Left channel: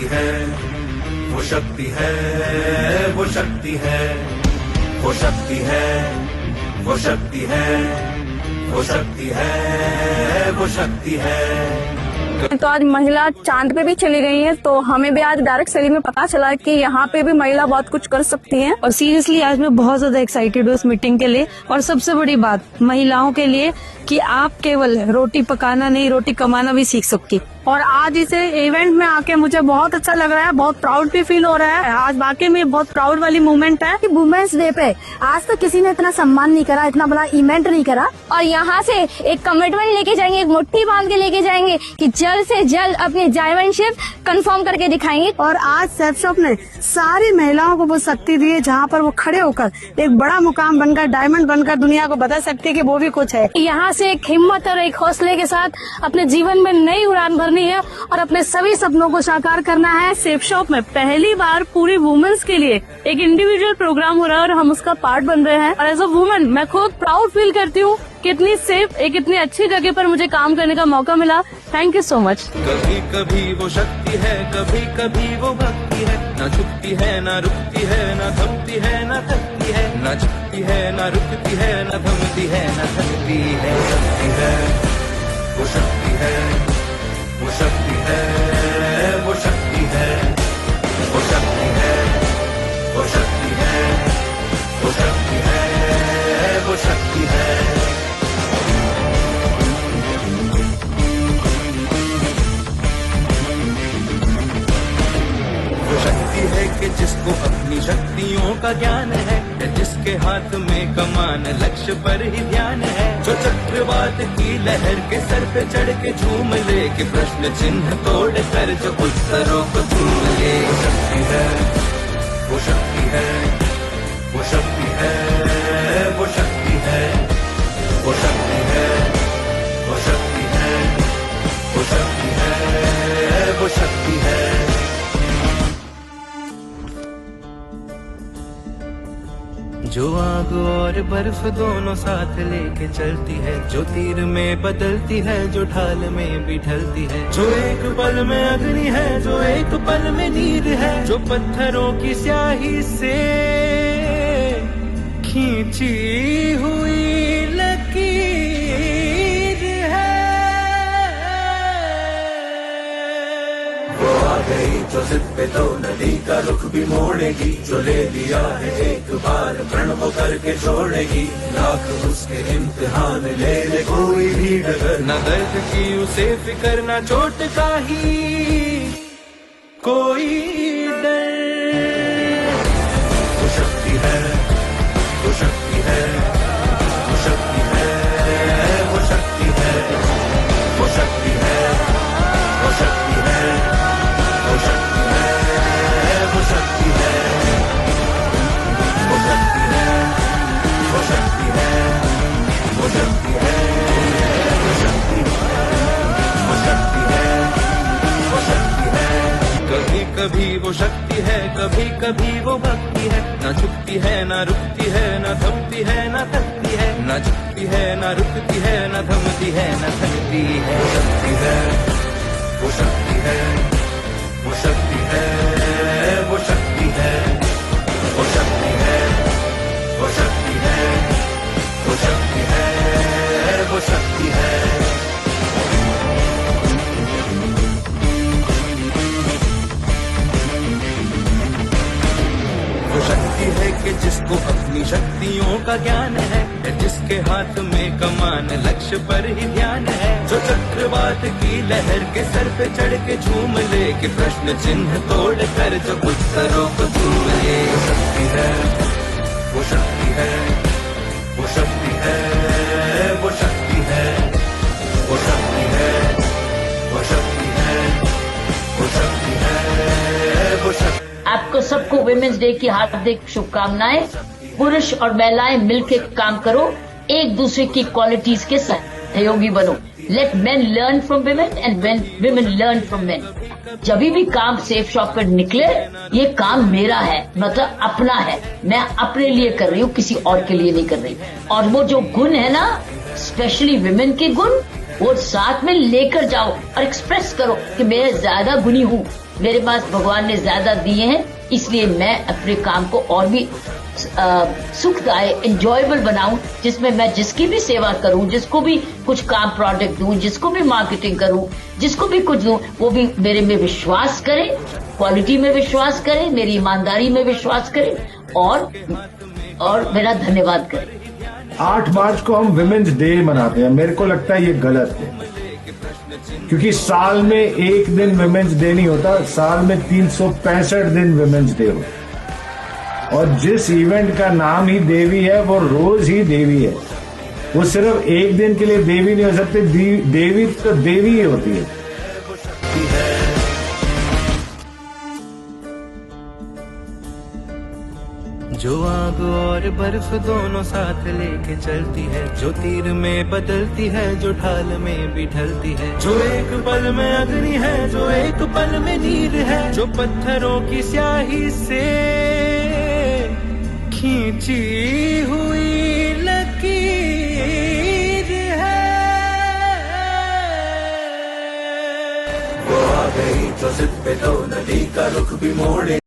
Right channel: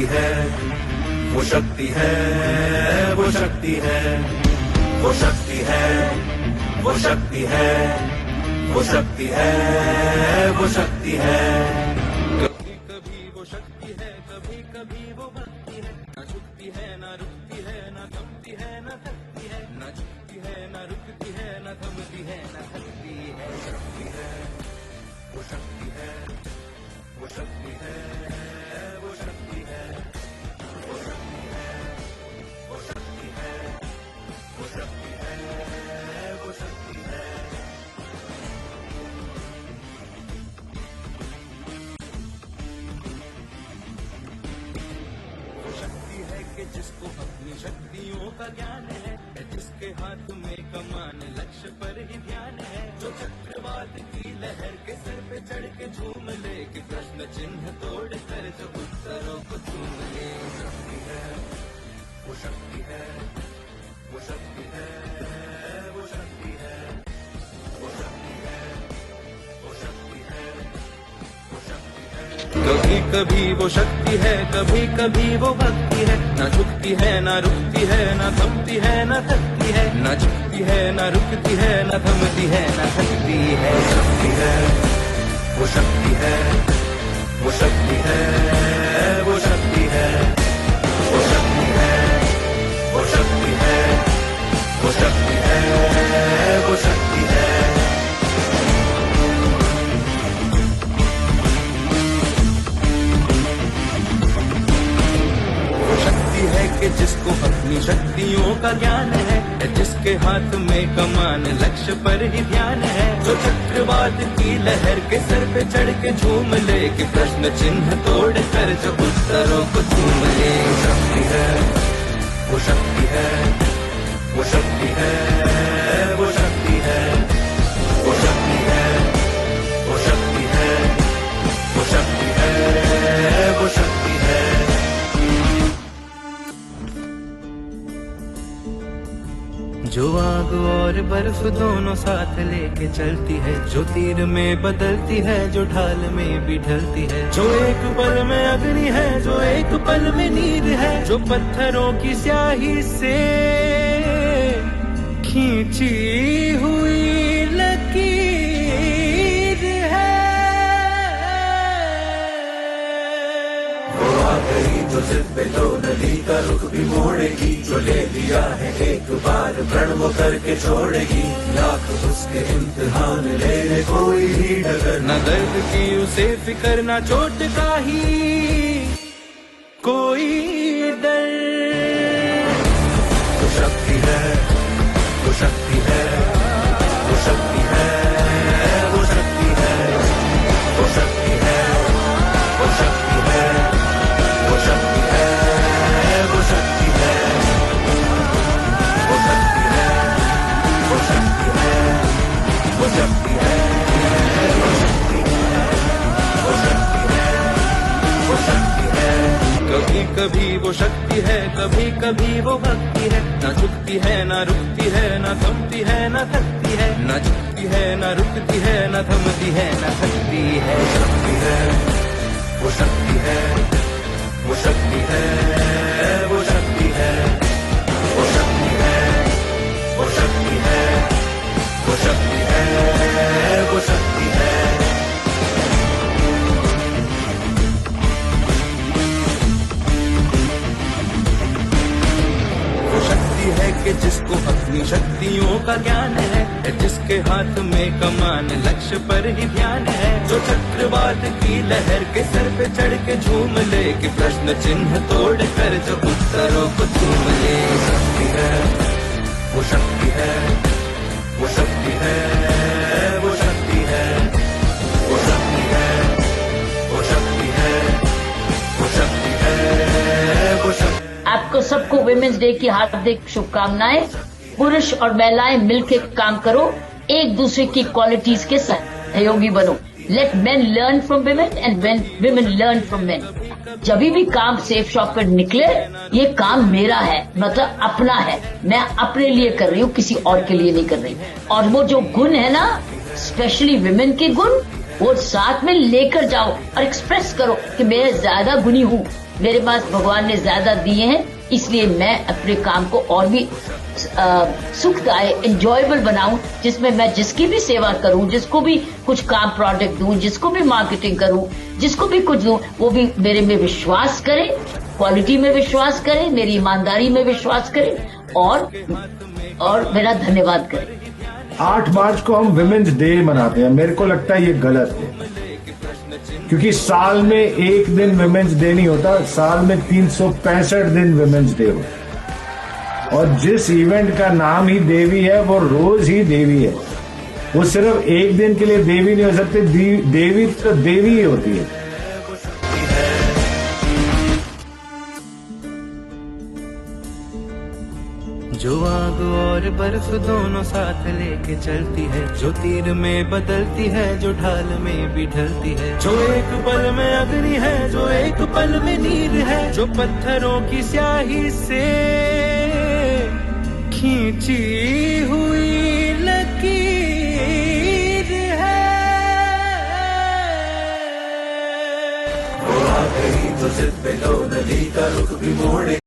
शक्ति है, वो शक्ति है, वो शक्ति है, वो शक्ति है, वो शक्ति है, वो शक्ति है, वो शक्ति है। तो आज महिला चांद पे भी चली गई है, तो हमें भी आज डायरेक्ट शरीर में पता चला कि यहाँ पे भी महिला बहुत कुछ कर सकती है। और सीरियसली आज मैं बहुत ज्यादा एक्साइटेड हूँ इस मीटिंग के लिए। और सबसे बड़ी बात महिलाओं के लिए कि आप केवल रोटी पकाना नहीं, रोटी कमाना भी सीख सकती। और आज इसे इवेंट में आके मुझे बहुत अच्छा लग रहा है, बहुत प्राउड भी फील हो रहा है। आज वाकई में बहुत प्राउड वाली मोमेंट है। वुमेन्स डे पे आज तो किसी ने इतना सम्मान नहीं करा, इतना बड़ा इवेंट नहीं करा। और यहाँ से एक कमिटमेंट लेके जाएंगे, एक मुट्ठी बांध के लेके जाएंगे कि जल्द से जल्द अपनी डायमंडशिप कंफर्म करके दिखाएंगे। और आज सेफ शॉप ने सारी महिलाओं को वो शक्ति दी है जहाँ पर वो खड़े होकर एक बड़ा मुकाम बनकर, डायमंड बनकर दुनिया को बता सकती है कि वो भी कुछ है। यहाँ से एक हिम्मत और एक हौसले के साथ अपने जीवन में नई उड़ान भरनी है और अपने सभी सपनों को साकार करना है। सेफ शॉप में पहली बार पूरी वुमेन्स के लिए एक इंडिविजुअल प्रोग्राम हो रहा है और हम उसका पार्ट बन रहे हैं। और एज अ वुमन मैं खुद प्राउड फील करती हूँ कि इतनी सेफ, एक इतनी अच्छी जगह पर मुझे काम करने का मौका मिला। Thank you so much. कभी कभी वो शक्ति है, कभी कभी वो भक्ति है, ना झुकती है ना रुकती है, ना थमती है ना थकती है, ना झुकती है ना रुकती है, ना थमती है ना थकती है। वो शक्ति है, वो शक्ति है, वो शक्ति है, वो शक्ति है, वो शक्ति है, वो शक्ति है, वो शक्ति है। वो शक्ति है कि जिसको अपनी शक्तियों का ज्ञान है, जिसके हाथ में कमान लक्ष्य पर ही ध्यान है, जो चक्रवात की लहर के सर पे चढ़ के झूम ले, कि प्रश्न चिन्ह तोड़ कर जो उत्तरों को चूम ले। वो शक्ति है, वो शक्ति है, वो शक्ति है, वो शक्ति है, वो शक्ति है, वो शक्ति है, वो शक्ति है। जो आग और बर्फ दोनों साथ लेके चलती है, जो तीर में बदलती है, जो ढाल में भी ढलती है, जो एक पल में अग्नि है, जो एक पल में नीर है, जो पत्थरों की स्याही से खींची हुई लकीर है। वो आ गई जो जिद पे तो नदी का रुख भी मोड़ेगी, जो ले लिया है एक बार प्रण वो करके छोड़ेगी, लाख उसके इम्तिहान ले कोई भी डगर, न दर्द की उसे फिकर, न चोट का ही कोई डर। वो शक्ति है, वो शक्ति है, वो शक्ति है, वो शक्ति है, वो शक्ति है, वो शक्ति है, वो शक्ति है, वो शक्ति कभी कभी वो शक्ति है, कभी कभी वो भक्ति है, ना झुकती है ना रुकती है, ना थमती है ना थकती है, ना झुकती है ना रुकती है, ना थमती है ना थकती है। वो शक्ति है, वो शक्ति है, वो शक्ति है, वो शक्ति है, वो शक्ति है, वो शक्ति है, वो शक्ति है। वो शक्ति है कि जिसको अपनी शक्तियों का ज्ञान है, जिसके हाथ में कमान लक्ष्य पर ही ध्यान है, जो चक्रवात की लहर के सर पे चढ़ के झूम ले, कि प्रश्न चिन्ह तोड़ कर जो उत्तरों को चूम ले। वो शक्ति है, वो शक्ति है, वो शक्ति है, वो शक्ति है, वो शक्ति है, वो शक्ति है, वो शक्ति है। आपको सबको वुमेन्स डे की हार्दिक शुभकामनाएं। पुरुष और महिलाएं मिलकर काम करो, एक दूसरे की क्वालिटीज के सहयोगी बनो। Let men learn from women and women learn from men. जब भी काम सेफ शॉप पर निकले, ये काम मेरा है, मतलब अपना है, मैं अपने लिए कर रही हूँ, किसी और के लिए नहीं कर रही। और वो जो गुण है ना, स्पेशली विमेन के गुण, वो साथ में लेकर जाओ और एक्सप्रेस करो कि मैं ज्यादा गुणी हूँ, मेरे पास भगवान ने ज्यादा दिए हैं, इसलिए मैं अपने काम को और भी सुखदायक एंजॉयबल बनाऊं, जिसमें मैं जिसकी भी सेवा करूं, जिसको भी कुछ काम प्रोडक्ट दूं, जिसको भी मार्केटिंग करूं, जिसको भी कुछ दूं, वो भी मेरे में विश्वास करे, क्वालिटी में विश्वास करे, मेरी ईमानदारी में विश्वास करे और मेरा धन्यवाद करे। 8 मार्च को हम विमेन्स डे मनाते हैं। मेरे को लगता है ये गलत है, क्योंकि साल में एक दिन विमेन्स डे नहीं होता, साल में 365 दिन विमेन्स डे होता है। और जिस इवेंट का नाम ही देवी है, वो रोज ही देवी है। वो सिर्फ एक दिन के लिए देवी नहीं हो सकती, देवी तो देवी ही होती है। जो आग और बर्फ दोनों साथ लेके चलती है, जो तीर में बदलती है, जो ढाल में भी ढलती है, जो एक पल में अग्नि है, जो एक पल में नीर है, जो पत्थरों की स्याही से खींची हुई लकीर है। वो आ गई तो जिद पे लो, नदी का रुख भी मोड़े।